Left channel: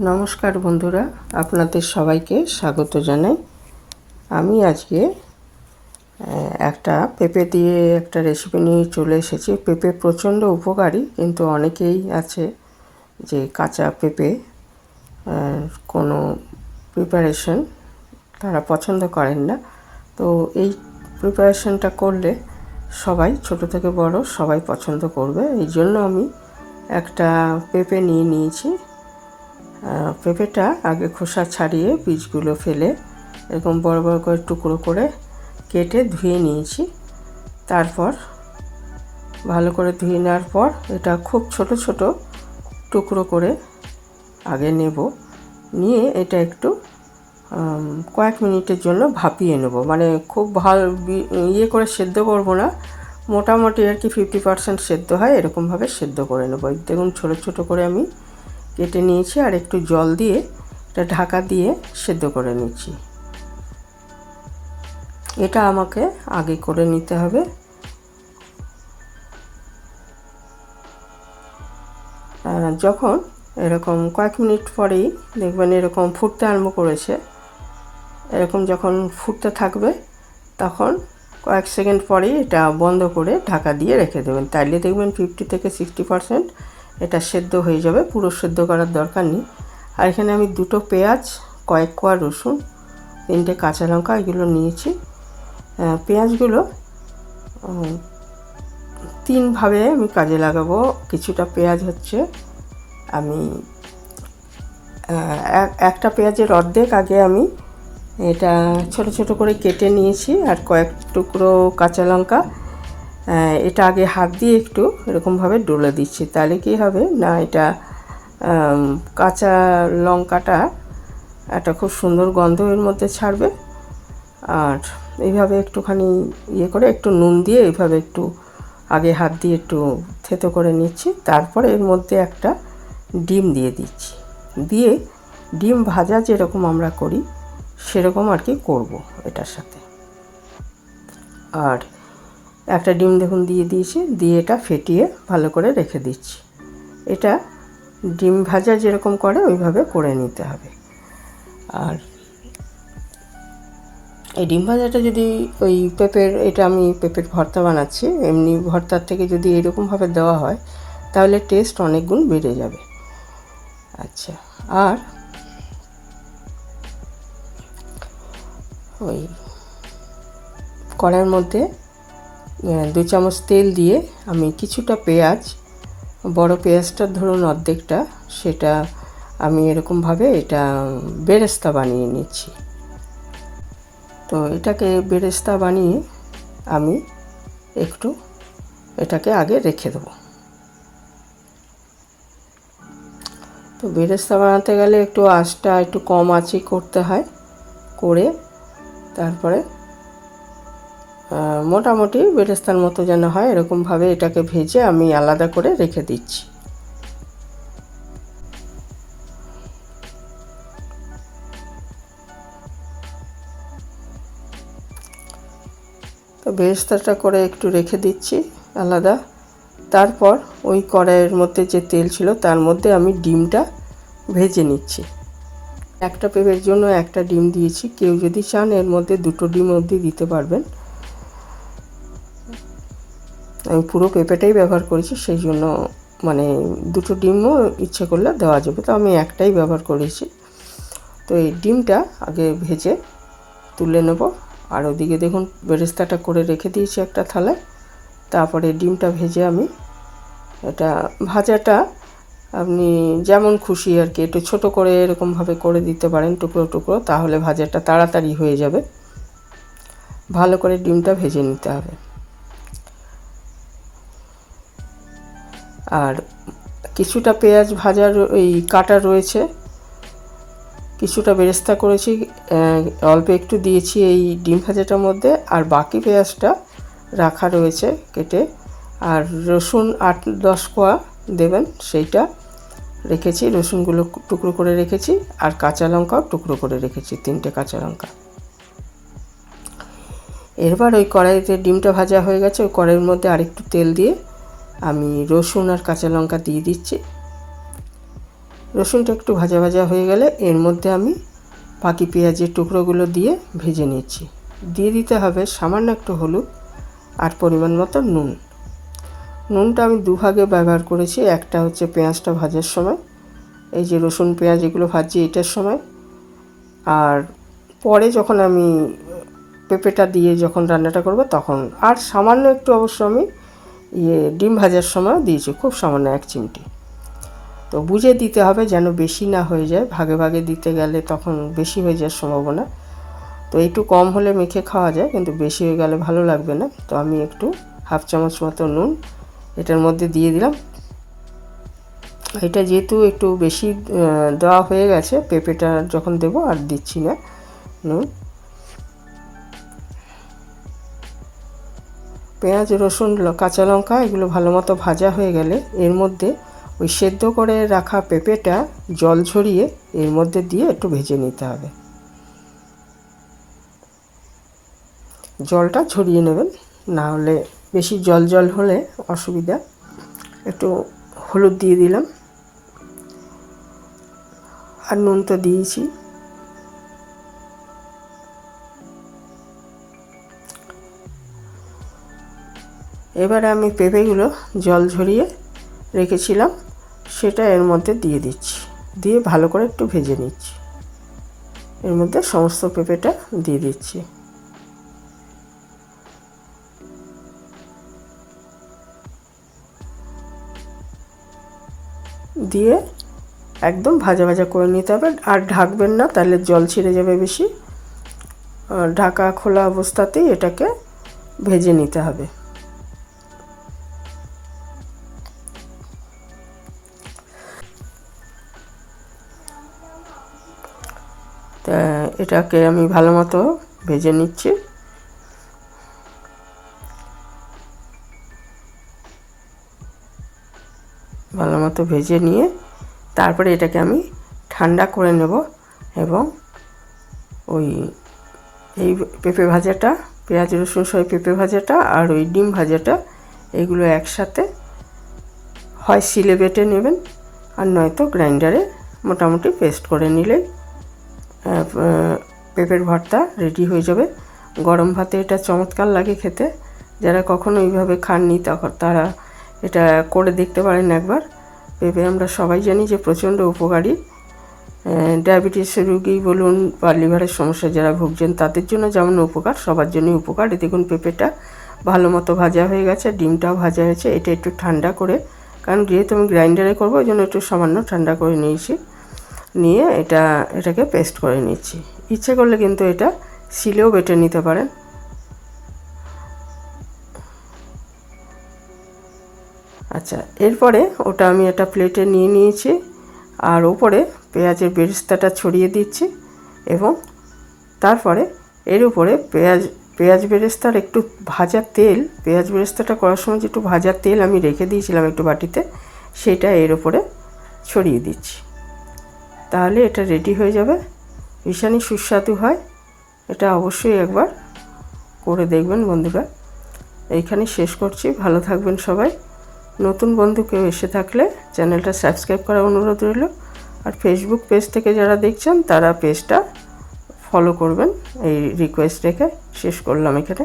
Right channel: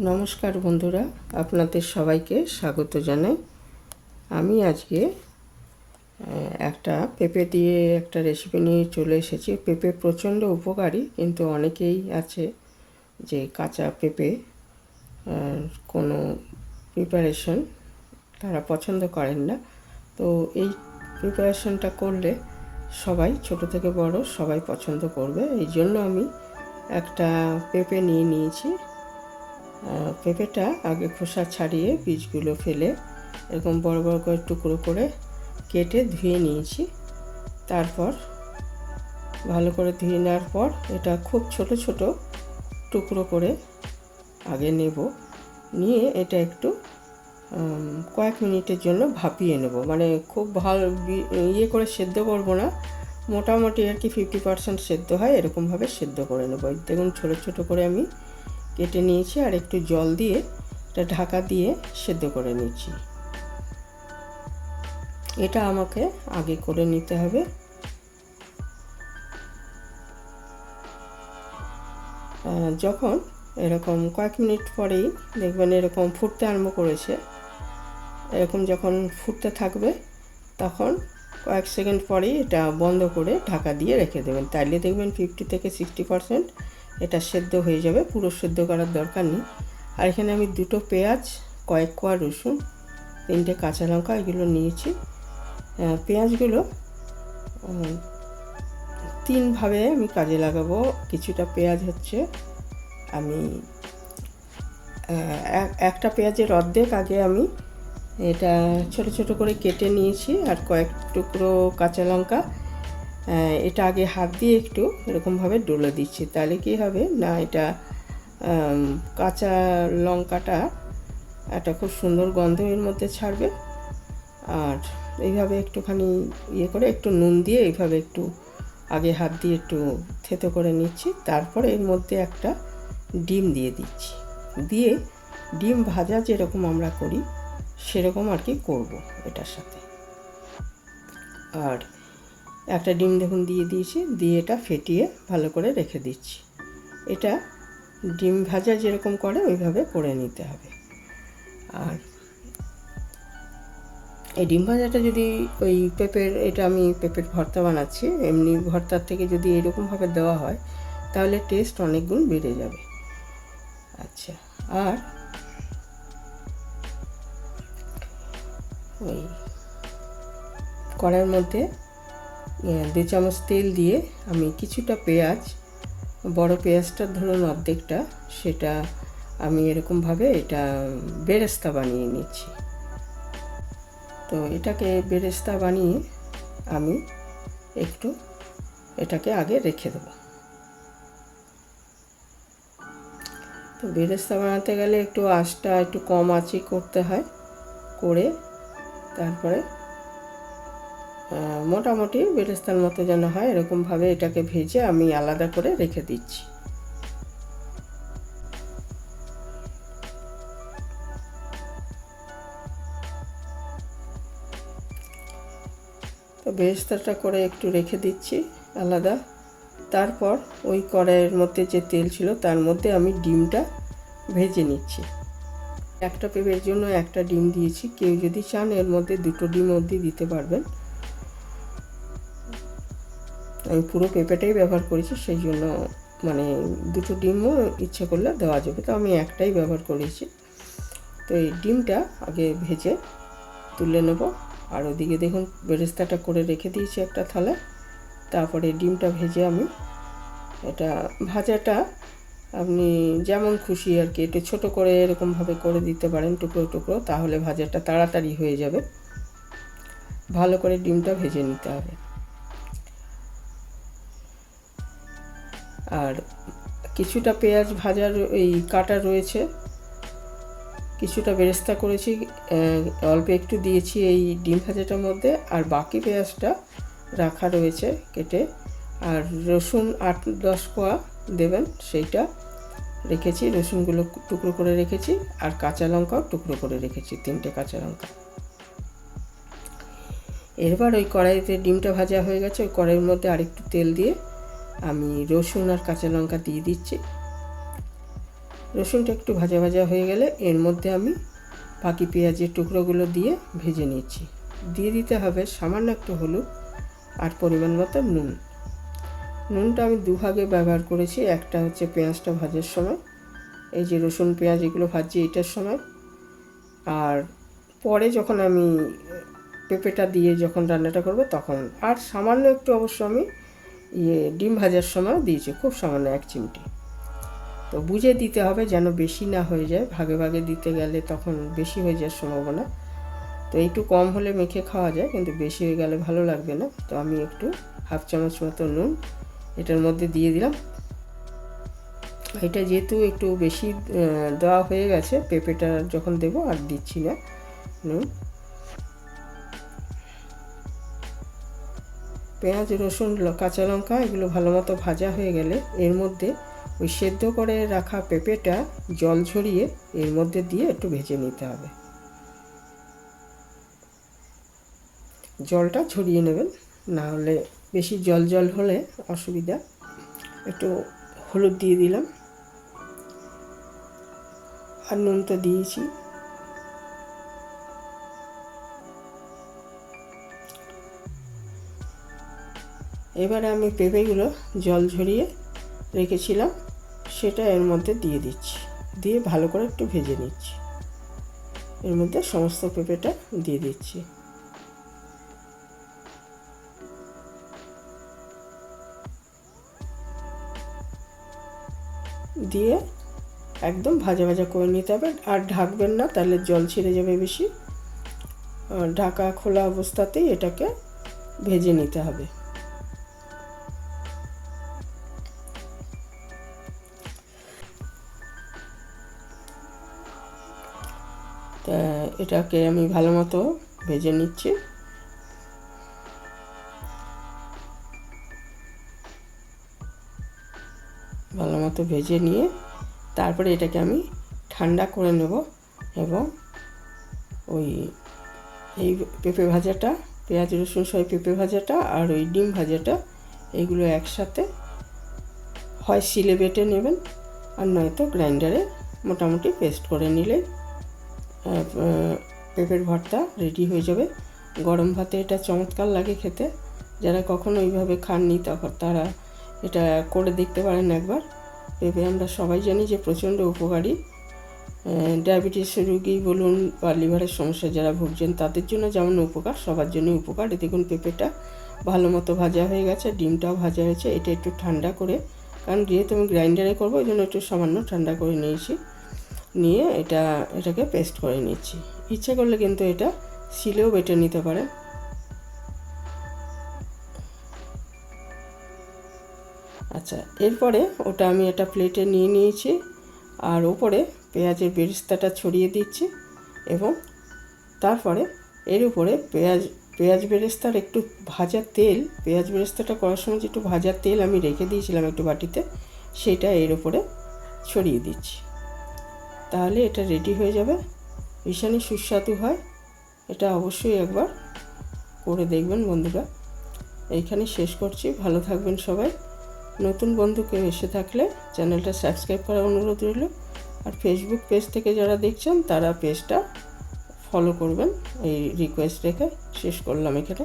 নমস্কার বন্ধুরা, আপনাদের সবাইকে স্বাগত জানাই। আমি আজকে একটা পেঁপে দিয়ে একটা রেসিপি নিয়ে চলে এসেছি। পেঁপে প্রচণ্ড উপকারী, কিন্তু অনেকেই আছে যে কাঁচা পেঁপে কোনো প্রিপারেশন তারা পছন্দ করেন না। তো এই প্রিপারেশনটা করলে সবাই, ছোট থেকে বড় সবাই পছন্দ করবে। এই জন্য আমি একটা পেঁপে নিয়েছি। পেঁপেটা আগে খোসা ছাড়িয়ে বীজগুলো ফেলে এরকম বড় বড় করে টুকরো করে কেটে ধুয়ে নিয়েছি। তারপর ভালো করে ধুয়ে নেওয়ার পর এটা খুব ছোট ছোট টুকরো করে আগে নিয়ে এটা একটু কয়েক মিনিটের জন্য ভাপিয়ে নেব। মানে খুব ভালো করে সেদ্ধ করব না, মোটামুটি আর কি 50% সেদ্ধ হয় এরকমভাবে সেদ্ধ করে নেব। দেখুন ছোটো ছোটো করে আমি কেটে নিয়েছি, আর একটু জল দিয়ে এটা ঢাকা দিয়ে সেদ্ধ করে নিচ্ছি। এটা আমাকে আগে করে নিতে হবে। যখন এরকম কয়েক মিনিট পরেই দেখবেন এরকম ফুটতে আরম্ভ করেছে, এরকম যখন ফুটতে থাকবে তখন কয়েক সেকেন্ড পরেই এটা বন্ধ করে ঢাকা দিয়ে রেখে দেবেন। তাইলে দেখবেন 50 থেকে 60% এটা সেদ্ধ হয়ে যাবে, পুরো সেদ্ধ করার দরকার নেই। আর এখানে আমি 2টো পেঁয়াজ, কয়েক কোয়া রসুন, 3টে কাঁচা লঙ্কা এগুলো নিয়েছি। পেঁয়াজগুলো 3ভাবে আমি কাজে লাগাবো। কিছুটা পেঁয়াজ হচ্ছে আমি একটা পেঁয়াজের অর্ধেক আগে আমি এটা ছোট ছোট করে কেটে নিয়েছি, আর কয়েক টুকরো কাঁচা লঙ্কা এটা আগে হাত দিয়ে একটু এরকমভাবে ডলে দিচ্ছি। তাহলে কি হবে না, এটা কাঁচা লঙ্কাটা একটা খুব সুন্দর গন্ধ এর মধ্যে ছাড়বে। আর এইভাবে একটুখানি করে একটু নুন দিয়ে এইভাবে একটু আগে হাত দিয়ে একটু থেতো করে নিচ্ছি। তারপরে এর মধ্যে একটা ডিম দিয়ে দিচ্ছি, দিয়ে ডিম ভাজা যেরকম আমরা করি সেরকম আর কি করবো এটার সাথে। আর একটা ডিম দেখুন দিয়ে দিয়েছি, দিয়ে এটা ফেটিয়ে ভালো করে রেখে দিচ্ছি। এটা ডিম ভাজা যেরকম করে ওইভাবে করে নিতে হবে। আর এই ডিম ভাজাটা যদি ওই এটা আমি পেঁপের ভর্তা বানাচ্ছি, এমনি ভর্তার থেকে যদি এরকমভাবে দেওয়া হয় তাহলে টেস্ট অনেক গুণ বেড়ে যাবে। আচ্ছা, আর ওই কড়াইয়ের মধ্যে 2 চামচ তেল দিয়ে আমি কিছুটা পেঁয়াজ, বড় পেঁয়াজটা ধরুন অর্ধেকটা, সেটা আমি এরকমভাবে এটা বেরেস্তা বানিয়ে নিচ্ছি। তো এটাকে বেরেস্তা বানিয়ে আমি একটু এটাকে আগে রেখে দেবো। তো বেরেস্তা বানাতে গেলে একটু আঁচটা একটু কম আঁচে করতে হয়, করে তারপরে মোটামুটি বেরেস্তার মতো যেন হয় এরকমভাবে এটাকে ভেজে আমি আলাদা করে রেখে দিচ্ছি। তো বেরেস্তাটা করে একটু রেখে দিচ্ছি আলাদা। তারপর ওই কড়াইয়ের মধ্যে যে তেল ছিল তার মধ্যে আমি ডিমটা ভেজে নিচ্ছি। একটা পেঁপের জন্য একটা ডিম দিয়েছি, কেউ যদি চান এর মধ্যে 2টো ডিম অবধি দিতে পারবেন। আমি পুরো পেঁপেটাই ব্যবহার করেছি, সেই জন্য মানে 2টো ডিমও ইচ্ছে করলে দেওয়া যাবে, তো আমি একটাই ব্যবহার করেছি। তো এই ডিমটা আগে ভেজে তুলে নেব। আর ওদিকে দেখুন বেরেস্তাটা করে রেখে দিয়েছি একটা থালায়। তারপরে ডিমটা ভেজে আমি এটা ভাজাটা আপনি যেমন খুশি আর কি, একটু ছোটো করে এরকমভাবে করে দিতে পারেন টুকরো টুকরো, তাহলে ভাজাটা তাড়াতাড়ি হয়ে যাবে। ভালো করে ডিমটা ভেজে নিতে হবে। আর কিছুটা পেঁয়াজ ভাজার এই কাটা রয়েছে, কিছুটা বেরেস্তা করেছি, অল্প একটু দিয়েছি এই ডিম ভাজাটার মধ্যে, আর বাকি পেঁয়াজটা রাখা রয়েছে কেটে। আর রসুন 8-10 কোয়া দেবেন, সেইটা রেখেছি, রসুনগুলো টুকরো করে রেখেছি। আর কাঁচা লঙ্কাও টুকরো করে রেখেছি, 3টে কাঁচা লঙ্কা। এরপর ওই কড়াইতে ডিমটা ভাজা হয়ে গেছে, ওই কড়াইয়ের মধ্যে আরেকটু তেল দিয়ে আমি রসুন আর কাঁচা লঙ্কা দিয়ে দিচ্ছি। রসুনটা একটু ভাজা ভাজা হয়ে গেলে এর মধ্যে আমি বাকি পেঁয়াজের টুকরোগুলো দিয়ে ভেজে নিচ্ছি। দিয়ে দিতে হবে সামান্য একটু হলুদ আর পরিমাণ মতো নুন। নুনটা আমি দুভাগে ব্যবহার করেছি। একটা হচ্ছে পেঁয়াজটা ভাজার সময়, এই যে রসুন পেঁয়াজ এগুলো ভাজি এটার সময়, আর পরে যখন আমি পেঁপেটা দিয়ে যখন রান্নাটা করব তখন। আর সামান্য একটু অবশ্য আমি ডিম ভাজার সময় দিয়েছি, খুব সামান্য 1 চিমটি। তো বুঝে দিতে হবে যেন বেশি না হয়ে যায়, ভাগে ভাগে দিতে গেলে তখন বেশি হয়ে যাওয়ার সম্ভাবনা। তো একটু কম হলে মেখে খাওয়া যায়, কিন্তু বেশি হয়ে গেলে ভালো লাগবে না। তো আমি একটু 1/2 চামচ মতো নুন এটার মধ্যে দিয়ে দিলাম। এটা যেহেতু একটু বেশি দেওয়া হয়ে গেছে, পেঁপেটা যখন দেবো আর দিচ্ছি না নুন। পেঁয়াজ, রসুন, কাঁচা লঙ্কা এগুলো ভালো মতো ভাজা হয়ে গেলে এর মধ্যে ওই সেদ্ধ করে রাখা পেঁপেটা জল ঝরিয়ে এর মধ্যে দিয়ে একটু ভেজে নিতে হবে। জলটা ঝরিয়ে নেবেন, না হলে বেশি জল জল হলে অসুবিধা। একটু হলুদ দিয়ে দিলাম, আর নুন তো দিয়েছি। এবারে আমি পেঁপেগুলো জল ঝরিয়ে রেখেছিলাম সেটা এর মধ্যে দিয়ে দিচ্ছি, দিয়ে ভালো করে একটু ভেজে নিচ্ছি। এর মধ্যে সমস্ত পেঁপেটা দিয়ে দিচ্ছি। দিয়ে একদম ভাজা ভাজা করে নিতে হবে, আর ঢাকবেন না, তাহলে জল ছিঁড়ে যাবে বেশি। ঢাকা খোলা অবস্থাতেই এটাকে ভেজে নিতে হবে। তা এটাকে আমি ভালো মতো ভেজে নিচ্ছি। ভালো মতো ভেজে নিয়ে তারপরে এটাকে আমি ঠান্ডা করে নেব, এবং এই পেঁপে ভাজাটা, পেঁয়াজ রসুন সহ পেঁপে ভাজাটা আর ওই ডিম ভাজাটা এগুলো একসাথে হয় শিলে বেটে নেবেন, আর নয়তো গ্রাইন্ডারে মোটামুটি পেস্ট করে নিলে পেঁপের ভর্তা রেডি হয়ে যাবে। গরম ভাতে এটা চমৎকার লাগে খেতে। যারা কখনো এইভাবে খাননি তখন তারা এটা করে দেখতে পারেন একবার। পেঁপে আমরা সবাই জানি যে প্রচণ্ড উপকারী। ডায়াবেটিসের রোগী বলুন বা লিভারের সমস্যা যারা ভুগছেন তাদের জন্য যেমন উপকার, সবার জন্যই উপকার। দেখুন পেঁপেটা ভালো মতো ভাজা হয়ে গেছে, ডিমটাও ভাজা হয়েছে। এটা একটু ঠান্ডা করে, কারণ যেহেতু আমি গ্রাইন্ডারে করবো ওই জন্য একটু সামান্য ঠান্ডা করে নিয়েছি, নিয়ে এটাকে পেস্ট করে নিচ্ছি। ইচ্ছে করলে কিন্তু এটা শিলেও বেটে নিতে পারেন। আচ্ছা, এরপরে ওটা আমি একটা প্লেটে নিয়ে নিয়েছি, আর ওপরে পেঁয়াজের বেরেস্তাটা ছড়িয়ে দিচ্ছি, এবং তারপরে এর উপরে পেঁয়াজ বেরেস্তার একটু ভাজা তেল, পেঁয়াজ বেরেস্তাটা করার সময় যে একটু ভাজা তেল আমি রেখে দিয়েছিলাম একটু বাটিতে, সেটা এর উপরে ছড়িয়ে দিচ্ছি। তাহলে এটা রেডি হয়ে যাবে। ভীষণই সুস্বাদু হয়, এটা অবশ্যই একবার করে দেখবেন বন্ধুরা। এইখানে শেষ করছি, ভালো থাকবেন সবাই। নতুন বন্ধু কেউ এসে থাকলে চ্যানেলটা সাবস্ক্রাইব করার অনুরোধ রইল, আর ফেসবুক পেজ থেকে যারা দেখছেন তারা পেজটা ফলো করবেন, এই রিকোয়েস্ট রেখে শেষ করলাম এখানে।